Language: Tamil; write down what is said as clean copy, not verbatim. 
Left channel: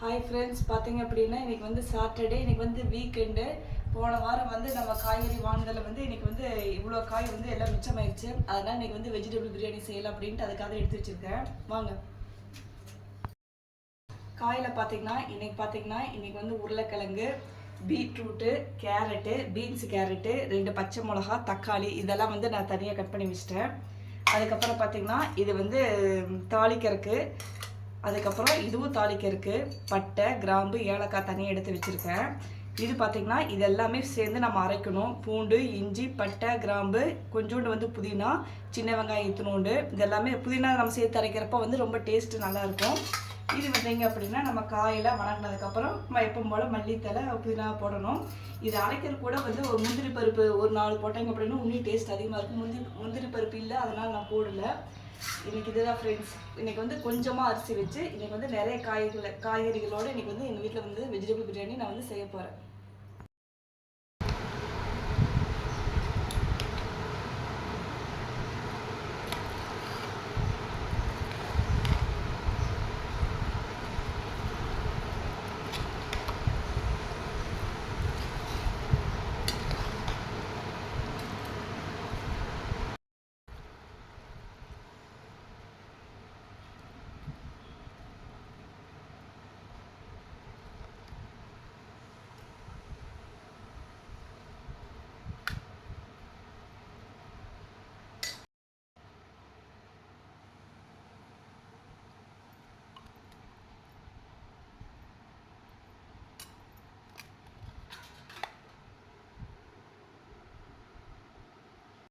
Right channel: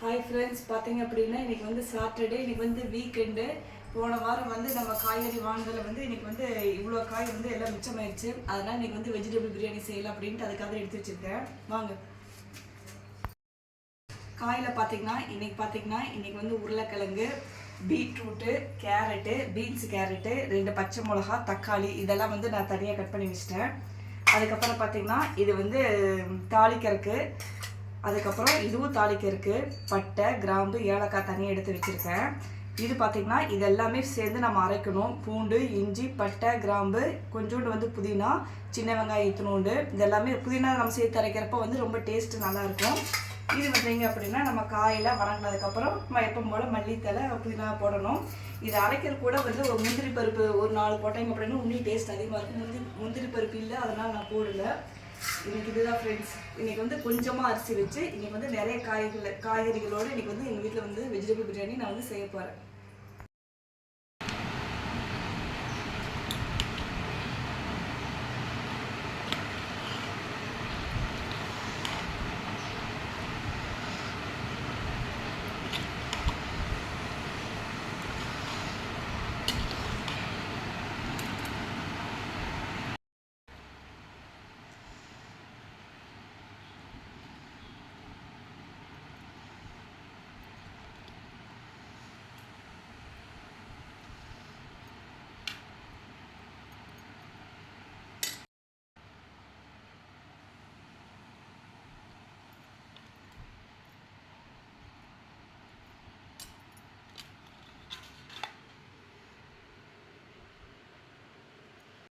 ஹாய் ஃப்ரெண்ட்ஸ், பார்த்தீங்க அப்படின்னா இன்றைக்கி வந்து சாட்டர்டே, இன்றைக்கி வந்து வீக்கெண்டு. போன வாரம் வந்து நம்ம காய்கறி வாங்கினதில் வந்து இன்றைக்கி வந்து இவ்வளோ காய் வந்து எல்லாம் மிச்சமாயிடுச்சு. அதனால் இன்றைக்கி வந்து வெஜிடபிள் பிரியாணி செய்யலாம் அப்படின்ட்டு அதுக்காக எடுத்து வச்சுருக்கேன். வாங்க. காயில் பார்த்தீங்கன்னா இன்றைக்கி வந்து உருளைக்கிழங்கு, பீட்ரூட்டு, கேரட்டு, பீன்ஸ் கேரட்டு, 2 பச்சை மிளகா, தக்காளி இதெல்லாம் வந்து நான் தனியாக கட் பண்ணி வச்சிட்டேன். அதுக்கப்புறம் பார்த்தீங்கன்னா இது வந்து தாளிக்கிறதுக்கு, அதுக்கப்புறம் இதுவும் தாளிக்கிறதுக்கு பட்டை, கிராம்பு, ஏலக்காய் தனியாக எடுத்து வச்சுருக்கேன். இது பார்த்திங்கன்னா இது எல்லாமே சேர்ந்து நம்ம அரைக்கணும். பூண்டு, இஞ்சி, பட்டை, கிராம்பு, கொஞ்சோண்டு வந்து புதினா, சின்ன வெங்காயம் இத்தினோண்டு, இது எல்லாமே புதினா நம்ம சேர்த்து அரைக்கிறப்ப வந்து ரொம்ப டேஸ்ட்டு நல்லாயிருக்கும். இது பார்த்தீங்க அப்படின்னா நம்ம காயெல்லாம் வணங்கினதுக்கப்புறம் எப்பவும் போல் மல்லித்தலை, புதினா போடணும். இது அரைக்கிறது கூட வந்து ஒரு முந்திரி பருப்பு ஒரு 4 போட்டாங்க அப்படின்னா இன்னும் டேஸ்ட் அதிகமாக இருக்கும். முந்திரி பருப்பு இல்லை, அதனால் நான் போடலை. இன்றைக்கி இதுதான் ஃப்ரெண்ட்ஸ். இன்றைக்கி வந்து கொஞ்சமாக அரிசி வச்சு இன்றைக்கி வந்து நிறைய காய்கறிகளோடு இன்றைக்கி வந்து எங்கள் வீட்டில் வந்து வெஜிடபிள் பிரியாணி நான் வந்து செய்ய போகிறேன்.